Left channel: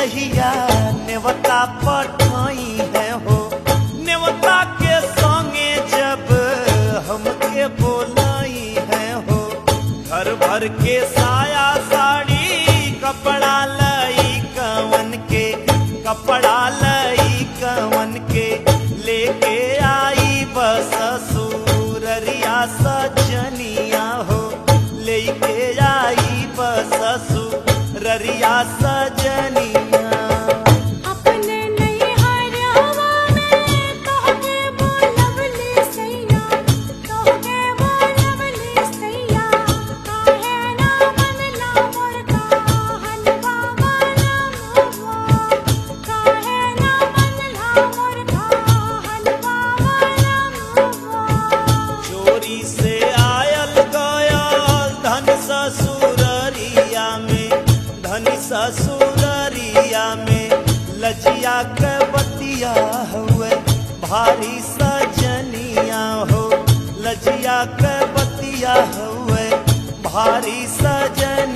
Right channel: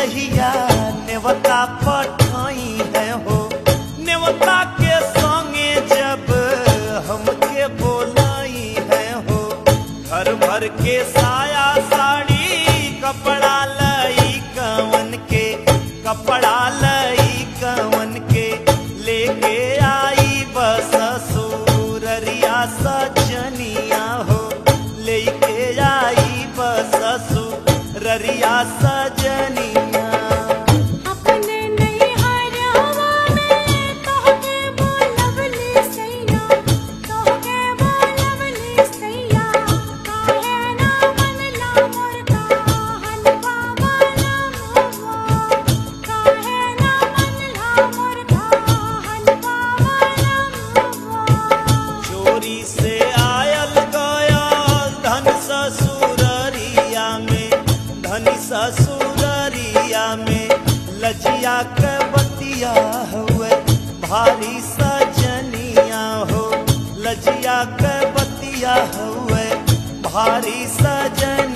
जहिया नेवता पठाई है हो, नेवता के संगे जब हमके बोलाई है हो। घर भर के साया साड़ी कपड़ा लई कवन के, कपड़ा लई कवन के लेके आई बस ससुररिया सजनिया हो, लेके आई बस ससुररिया सजनिया। से आयल गयल धन ससुररिया में, धनी ससुररिया में लजिया के बतिया हुए भारी सजनिया हो, लजिया के बतिया हुए भारी सजन